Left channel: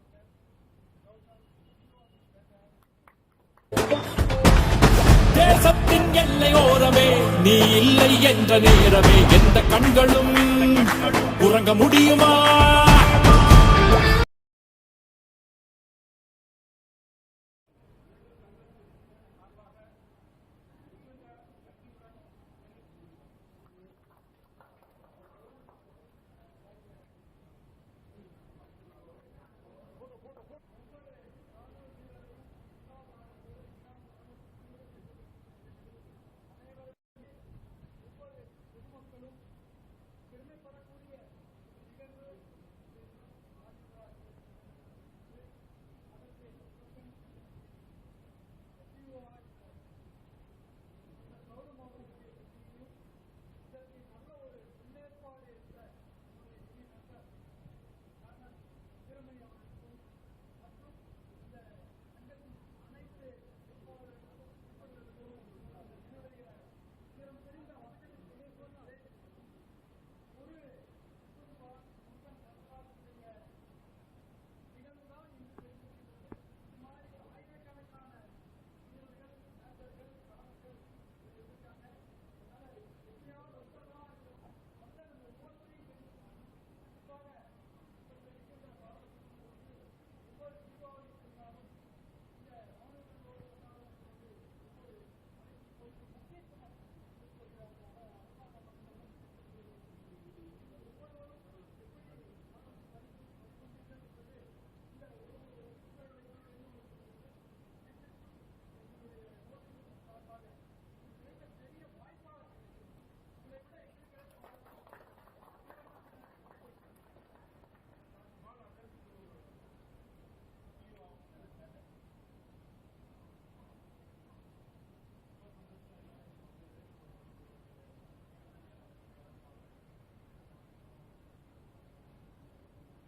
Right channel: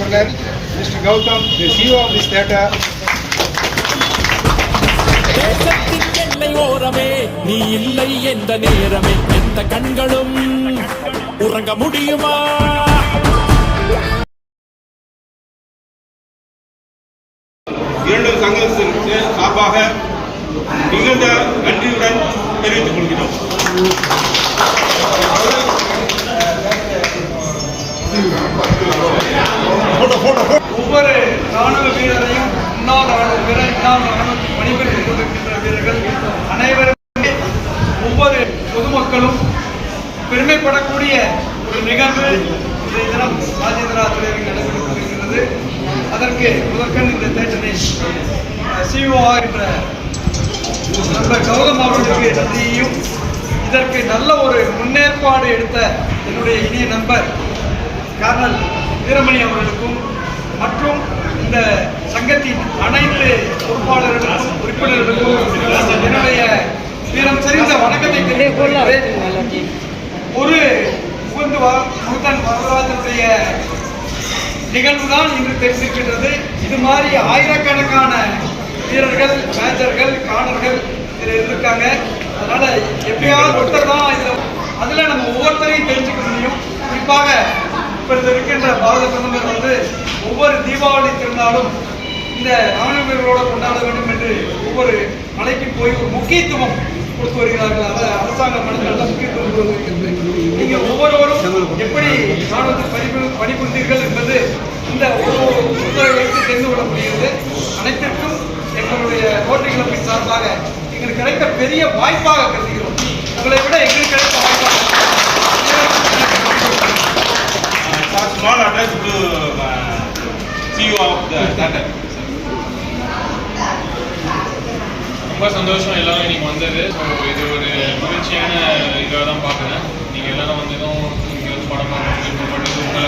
entrepreneur, Mr. Gautam, the CEO of this theatre. தேசத்தின் எல்லை ஓரமே நீ இல்லை என்ற நேரமே எந்த கண்களும் உறங்க முடியுமா? இரண்டு சங்கத்திற்கு சார்பாக மிகுந்த நன்றியுடன் தெரிவித்துக் கொள்கிறோம். ஒவ்வொரு ராணுவ வீரரையும் முன்னாள் ராணுவ வீரர் இன்னாள் ராணுவத்தில் பணிபுரிந்து கொண்டிருக்கின்ற வீரர்கள் அனைவருமே ஒவ்வொரு பொதுமக்களும் பெருமைப்படக்கூடிய ஒரு நிகழ்வு இன்றைய தினம் ராஜேந்திரா திரையரங்கில் நடைபெற்றுக் கொண்டிருக்கிறது. அதற்கு முதற்கண் இந்த தேட்டனை சிஓ என்ற நண்பர் கௌதம் அவர்களுக்கு நன்றியையும் இதற்கு நல்ல ஒரு முன்னேற்பாடு எடுத்த என்னுடைய இனிய நண்பர் கர்னல் வீரமணி அவர்களுக்கும் மற்றும் இந்த சங்கத்தின் அனைத்து பொறுப்பாளர்களுக்கும் உறுப்பினர்களுக்கும் என்னுடைய வீரம் செறிந்த வணக்கத்தை தெரிவித்துக் ஒரு முகுந்தன் வரலாற்றுடைய நிகழ்வு தான் இன்று தெரிந்திருக்கின்றது. இது மாதிரி ஆயிரக்கணக்கான வீரர்கள், மேஜர்கள், காணர்கள் இதில் இருந்திருக்காங்க. அதனால எப்பயாவது ஒருத்தர் தான் இதில் அதில் நம்ம ஒவ்வொருத்தரையும் தெரிஞ்சுக்க முடியும். குறிப்பாக இப்பொழுது இருக்கின்ற பாரத பிரதமர் ஒவ்வொரு தீபாவளி திருநாளும் இந்த ராணுவ வீரர்களோடு கொண்டாட வேண்டும் என்று ஒவ்வொரு மலைக்கு போய் ஒரு முக்கியத்துவம் கொடுத்து வருகிறார்கள். அதை அரசாங்கம் நல்ல முக்கியத்துவம் கொடுத்து வருகிறது. நீங்கள் ஒவ்வொருவரும் எப்படி ராணுவத்தில் பணிபுரிந்தீர்கள் என்பது இந்த ஒவ்வொரு வைத்து தெரிந்து கொள்ள முடிகிறது. அனைத்திற்கும் எங்களுடைய ரோட்டரி கிளப்பின் சார்பாக எங்களுக்கு கிடைத்த பெரிய வாய்ப்பாக கருதுகிறோம். உங்களை விட எங்களுக்கு கிடைத்த வாய்ப்பாக Small address to CEO of the theatre. ரொம்ப சந்தோஷம் எல்லாரும் இன்னைக்கு வந்தது. ஸோ இது ஒரு மகிழ்ச்சியான இதாக தான் பார்க்குறேன். நீங்கள் எல்லாரும் வந்ததும் இங்கே வந்து படம் பண்ணி உங்களை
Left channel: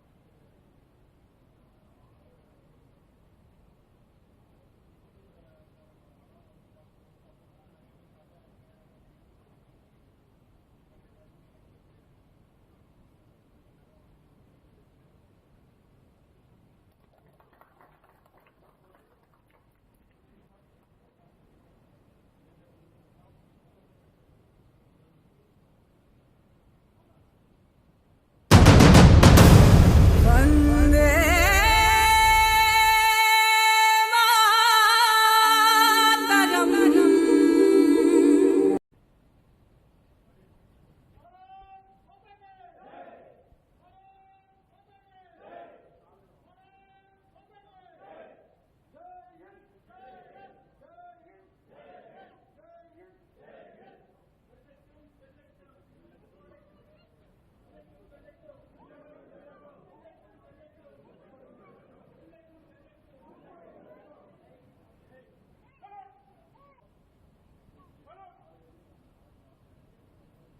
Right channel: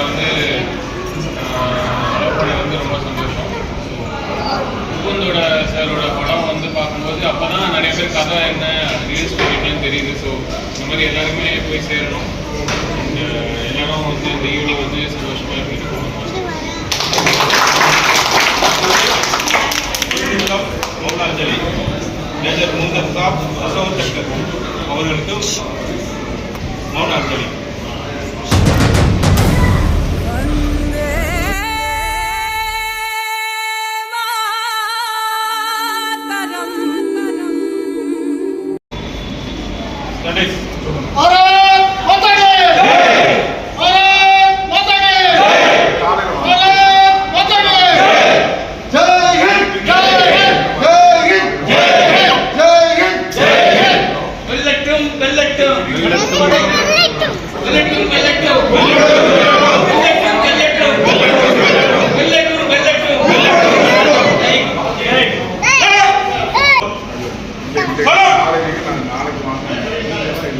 அலோவ் பண்ணது ரொம்ப சந்தோஷம். முகுந்தோட சாரோட படம் பார்க்கும்போது அப்போ தான் நிறைய பேர் கதை என்ன ரீல்ஸ் பண்ணிட்டேன்னு தெரியுது. ஸோ இந்த மாதிரி எல்லாருமே போய் சேரணும். எல்லாரும் இந்த ஈவினிங் சந்தோஷமாக இருந்துட்டு போகணும். மௌனாஞ்சலி மேஜர் முந்தர் சாப் அசோக் சக்கர் அவர்களுக்கு மௌனாஞ்சலி.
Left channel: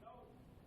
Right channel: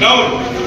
Down.